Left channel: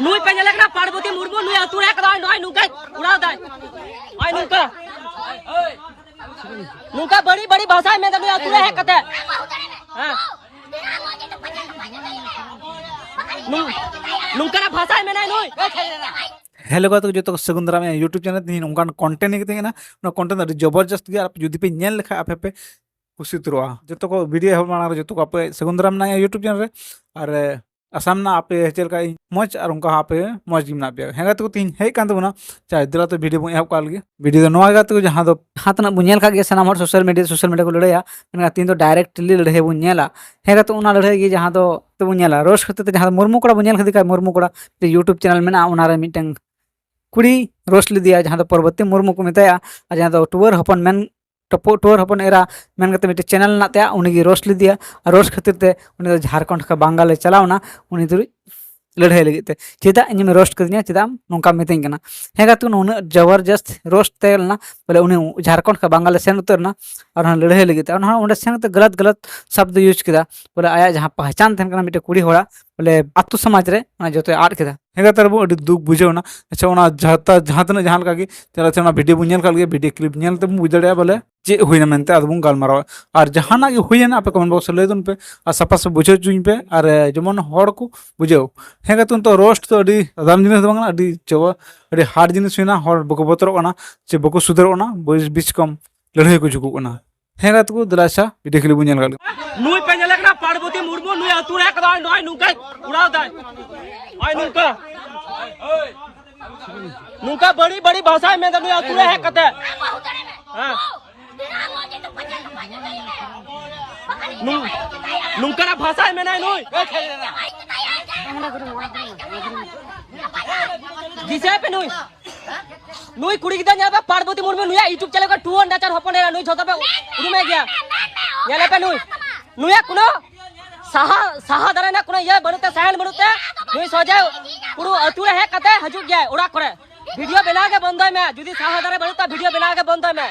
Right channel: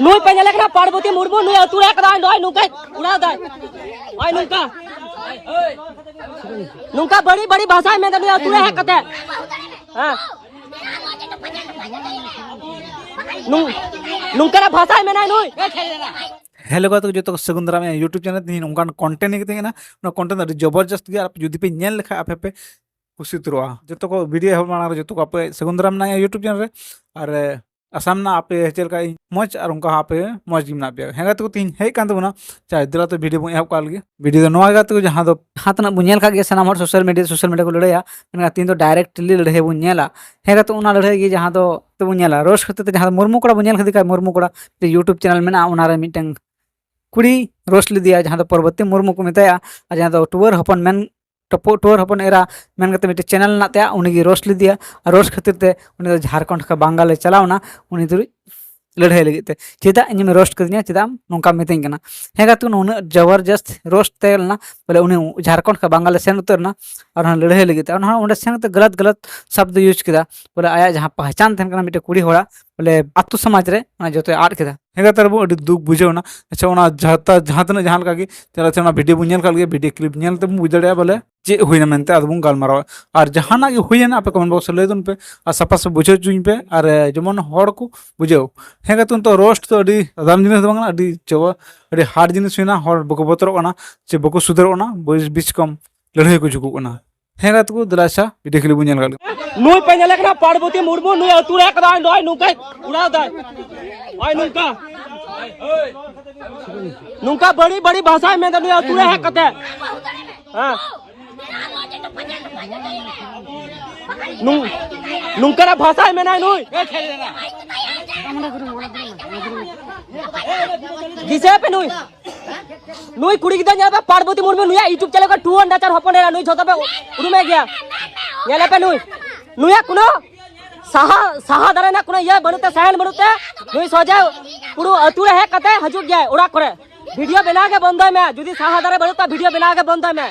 नुई पे लगना पार्वती मुर्मू नुई अतुरे कदा नय नुका उड़ा दे ओय नुका बड़ी बड़ी भाषा में नुई अतुरे है कते हां नुका भाषा में ना नुई हेलो गाइस जो सगुन दाराम यूट्यूब चैनल तीन उनका कंटेंट के ना कंटेंट जबरदस्त गया आप जुदी पे नेल लेखा आपे पे खुशी तुरवा जो को वीडियो माना जो को आप सगुन दाराम ना यूट्यूब चैनल रे और आसाम ना आपे चलका मज और उनका आपे मज गिमना पे हेगा तो तीन हे कान तबना चाहे दिला तो वीडियो बो एप काल गे वीडियो दो नवा गात जहां दो हाथना बुनेल का गे सनाम हर सोशल मीडिया को लड़ाया मेना तीन तो डायरेक्टली लड़े बुनेला हेगा तो उना लड़े गे जहां दो तो बुनेला रोज खते जहां मुर्मू कोड़ा बुनेल खदी का मुर्मू कोड़ा यूट्यूब चैनल में ना उना रे मिटंग कुड़ी रोस्ट लिया जहां दो पर्वती मुर्मू को मेताया और जहां दो टूर हपन मेन टूर हपन एरा मेन करते मिटे चैनल नाते उनी रोस्ट लिया और रोस्ट खातिर ते उनी झारखंड का बांगाले चलावना उनी तो लड़ाई लगे चेदा इन रोस्ट कर चेदा नौका मितना हेगा तो उन जबरदस्त रोस्ट तेलना बोले उन्हें झारखंड का बांगाले सेन उतरना और लड़ाई लगे उन्हें सेन गलत शब्द यूज किया बोले आया जहाँ पहचान तहन मिट्टे कुड़ी होड़ा बोले आतु समाज रे जो आड़ किया हेगा तरबो अभी दुख बुझेना अच्छा जहाँ तना जहाँ लगे चला वीडियो बन वीडियो क्लिप नलते बुझ दाड़ा बोले चे हुईना मनते अदबो गालमारा और जहाना हुईना आप कमेंट बॉक्स लैदन पे और साफा साफ बुझे चुኝ पे और जेमन हड़ को बुझेव हेगा तो रोस्ट तो दाम जिनिस अभी चबा अभी हार्ड जिनिस हुईना हड़ बको बतरना से बको सुधरना बीच कम लड़ाई को झुकना हेगा तो दिलासा वीडियो क्लिप बन नुई पे लगना पार्वती मुर्मू नुई अतुरे कदा नय नुका उड़ा दे ओय नुका बड़ी बड़ी भाषा में नुई अतुरे है कते हां नुका भाषा में ना नुई गिसे पे नुई कुड़ी गिदा जाबे पार्वती मुर्मू नुई यूट्यूब चैनल का 200 हपन नुई झोता पे उड़मे गया येला पे नुई कुनो साहा दारे ना कुनो ये बनुते सहल बनुते नुई सोजा कुनो अतुरे है कते हजुक गया उड़ा करे वीडियो बना के बंद में जुदी साहा दारे बनुते वीडियो बना के बंद में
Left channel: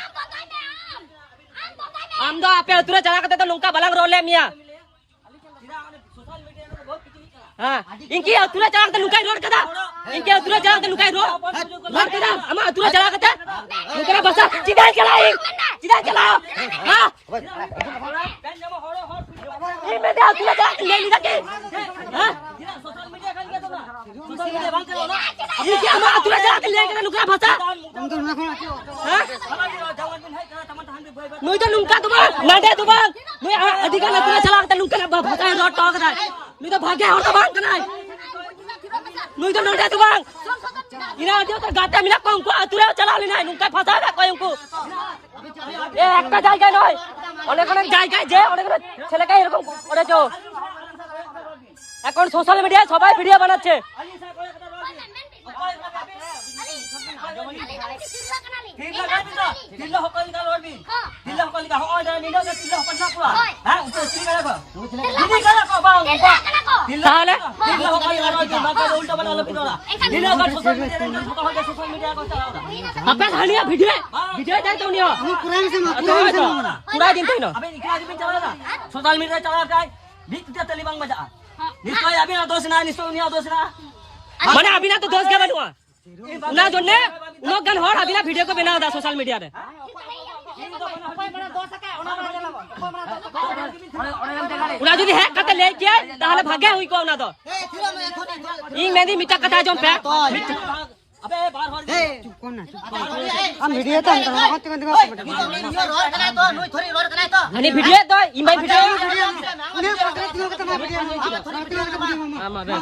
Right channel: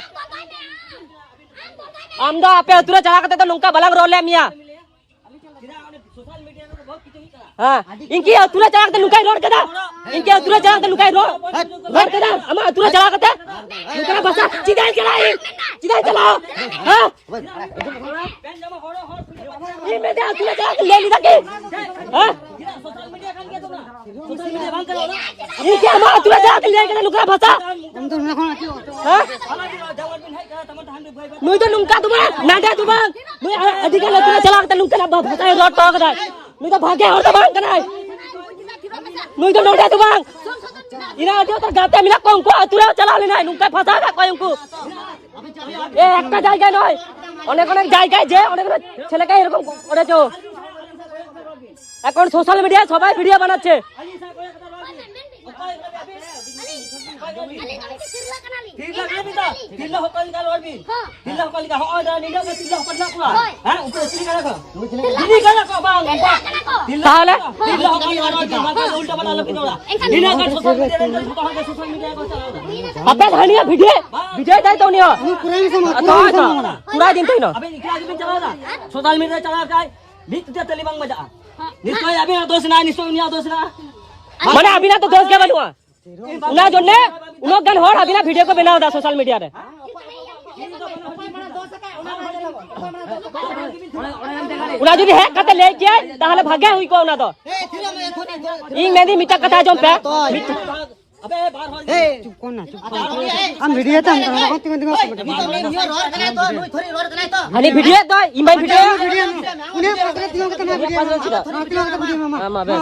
आमदा आपे अतुरे चला करते तो नुका बलग रोले मिया हां इनकी अतुरे चला करते नुका रोड कदा इनके अतुरे चला करते नुका रोड कदा हम अतुरे चला करते नुका बसा सीधा चला हां ये मैं अतुरे चला के ले ली सके हां सोशल मीडिया बंद करो ना ये क्या हम अतुरे चला के ले के नुका बसा हम तो ना हां नुई तो नुका तुम नाडे तुम नुई अधिकार अतुरे चला करते नुका भाषा रोड टॉक दा नुई तो भागे और तो बांग कनाय नुई तो नोडे तुम इना दियो तो गाते मिना को उनको अतुरे चला लेना नुका फसा ना कोई उनको ए একটা জায়গা নয় অনেক অনেক জায়গায় যে অনেক ছেলেকে এরকম করে তো এখন সোশ্যাল মিডিয়ায় সবাই ভিডিও বানাচ্ছে सोशल मीडिया चला जाए तेलीबांग मजा निश्चय अभी ना दोष ना निश्चय उनिया दोष ना माने अभी ना तो दोष के बनवा ना जोने उनो गन होर अभी ना वीडियो को बनाओ दा सोशल मीडिया रे उना যদি है कते ले जे ताहले भाग्य हुई को उना तो ई मेदी मिटा कथा जोन पे अबे बाहर हो चुप कोन ना हम वीडियो तो रोड कने तो नुई थोड़ी रोड कने तो हनी वीडियो तो ई मैं वीडियो मामा बस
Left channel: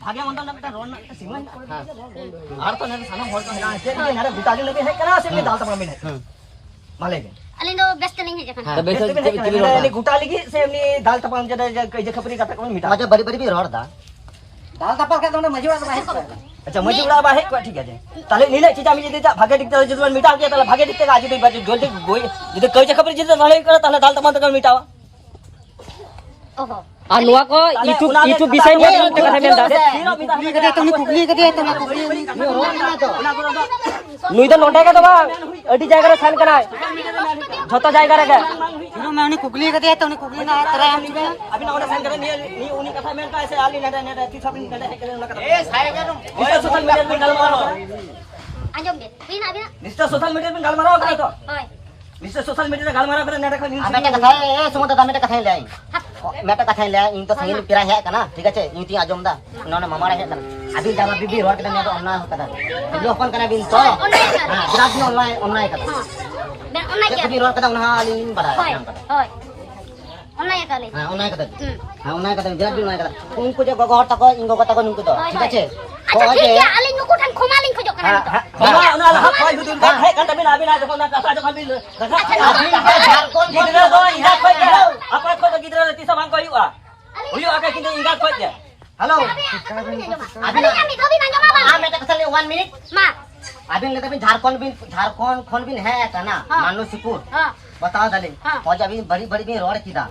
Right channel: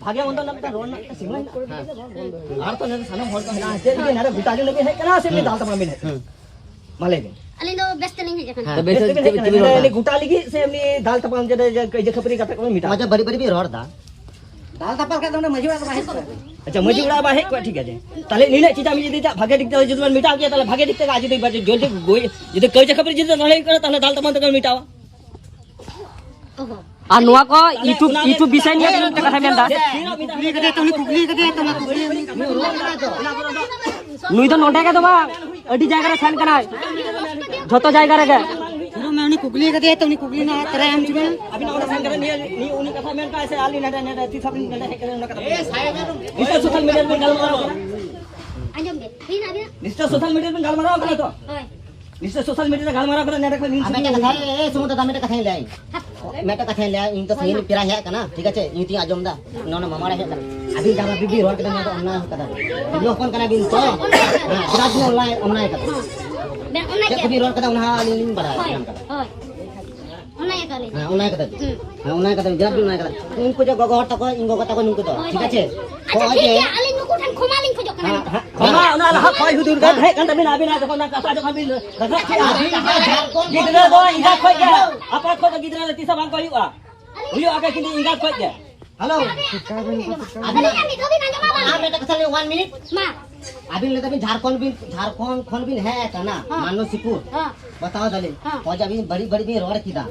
भागे उन तो लगता रोड ना सीमा आर तो ने सनम होल का है जे नारे बिताजे लगे है कना से दाल तमा मिले माले अली नो व्यस्त नहीं है जखन तो बेसे गुटा लगी से हमनी दाल तमा जे कई खपरी कथा को मिटा अच्छा बड़ी बड़ी भी रोड दा दाल तपा के तो मजुड़ा बाहे अच्छा मजुड़ा बाहे को ठीक है ताले नीने चीजा मी जदी भागे दिखते जदुन मिटा के ताले भागे दिखते आज जदी जल्दी गोई जदी कई खपरी जदी नले करे ताले दाल तमा तक मिटावा ओहो अनुआ को यूट्यूब विषय में कुगली कदे तो कुगली नुई तो नोटे के दबा अडी जायगा रे सान कनाय झोतो जायगा रे के मैं उनी कुगली कदे तो उनी कुगली ना तेरा हम चुने अभी ना ओने सान करे नी उनी कथा में का ऐसे आली नडा नडा तीस दिन नडा है करना ए साहेब इस सोशल मीडिया पे गाल मारो आजम दे बिन आबे इस सोशल मीडिया पे गाल मारो करे तो ओय इस सोशल मीडिया पे गाल मारो करे नडा को मैं क्या कथा ए सुमत दा मैं कथा ले आई मैं कथा ले आई इन तो सही पिरा है कना ठीक है इन ती आजम दा नोना मामा रे कना अभी जामा बीबी रोड के ना तो अन्ना होता था लो अपन कना बिन तो हां बिराज में ऑनलाइन कथा ben online ya बीबी रोड कथा उना आली बड़ा oy oy online kali हां ऑनलाइन कथा हां ऑनलाइन कथा गेट भी ऑनलाइन कथा उनको जो गगो तक इंगो कथा को नुको तो ठीक है को aja जे dia aling ko tan khomaling ko jok हां kan हां ना कोई हुदुर का है kan तभी ना अभी ना तो ना का जो अभी झारखंड गिदरा दो इंगा खोज दे apa खोज गिदरा रे तीसा मांग को हुआ आके किंतु इंगा खोज दे hello abi kami kami nanya mama हां मैं कथा ले 1 मिनट ma अभी लेते भी झारखंड खोन भी है ऐसा ना हाँ। मानो सिपुर ha बताओ दले हाँ। फौज अभी बड़ी बड़ी भी रोड की दा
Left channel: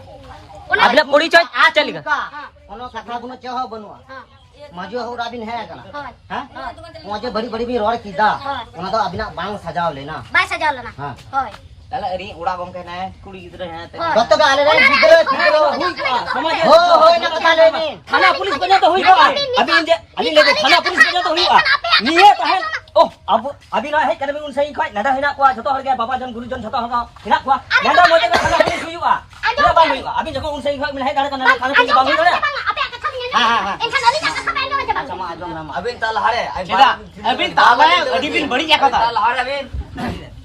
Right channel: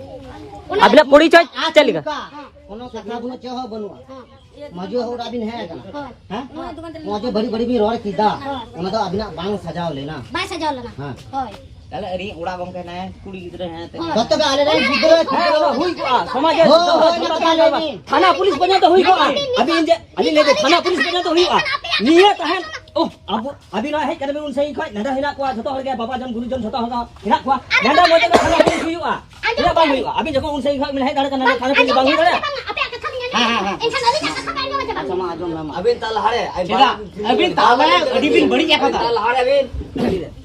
अभी पुरी चल चलेगा कोनो कथा कोनो चाह बनुआ ha मजो हो राबिन है ऐसा ha हां मुझे बड़ी बड़ी भी रोड की दा हाँ। उना तो अभी ना बांग सजाव लेना ba saja lana हां oy अरे अरे उड़ा गम के ना कुड़ी गिदरा है हाँ। कत का आले रे गिदरा समाज हो ना पता नहीं थाना पुलिस बना तो हुई अभी अली ले थाना पुलिस बना तो हुई निये तहन ओ अब अभी ना है करे उन सही खय नडा हिना को जतो हर के बाबा जन गुरुजन जतो हर हिना को नडा मोटे में थाना पुलिस हुई हिना बांग हुई अभी जको उन सही खय में है गाड़ी थाना पुलिस बांग हुई apa yang kata हाँ, हाँ, हाँ। insan ali kata sama endo aja bang sama आजम नाम अभी ताल हारे अभी ताल है अभी बिन बड़ी जगह ताल हारे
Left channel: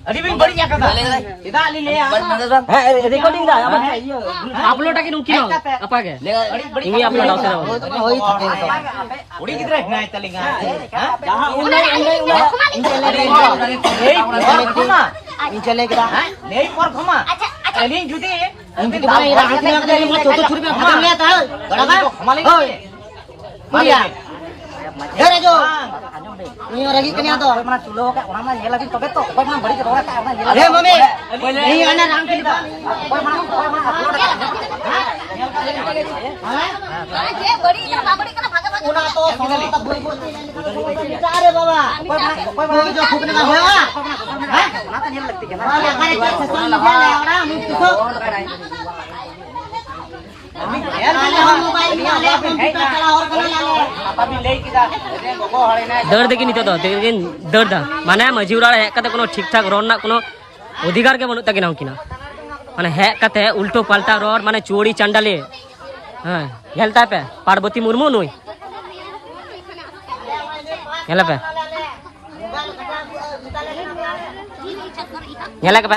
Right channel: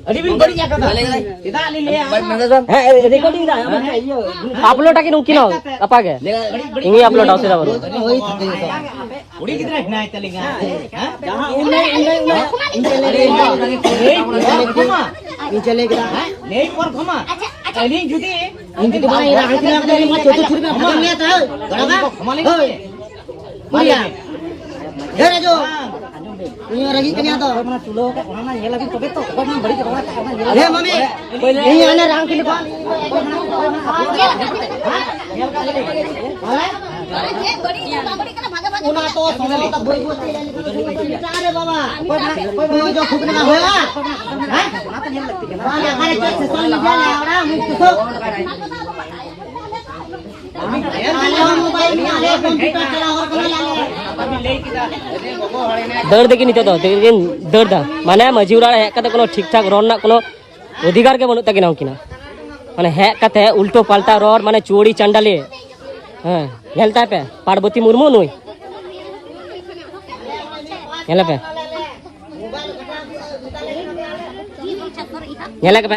अभी बिन बड़ी जगह इदा अली ले रिकॉर्डिंग दा अब ये अपलोड आके नुकी ना अपागे इंगी अपलोड आवसे ना होई थी तो उड़ी किधर है चलेगा हां जहां इन चले के नहीं और घुमा aja aja अली जुदी इनकी तो बड़ा हाथ में दे छोटी छुरी में घुमा लिया था बड़ा घुमा ले बोलिया अरे जो ये रही कन्या तो मना चुलो का ओना ये लगी तो तो कोई ना बड़ी करवा का ये अरे मम्मी ये है ना राम के लिए aja badi kana bhaga bhaga उना तो सोना तो बोल बोल अरे बाबा कोई जो फूकने का हुआ हैं वाले अरे सोशल मीडिया ले और हम तो मोबाइल में ले कंप्यूटर चला और दर्द देखी नितो तो देखिन दर्द माने मजूरा है कते कोनो ठीक ठाक रोड ना कोनो अधिकार के बनु तकिना किना माने है कते उल्टो पाल्टा रोड माने चोरी चंडाले हां हेलता पे पार्वती मुर्मू नुई हेला पे हेला के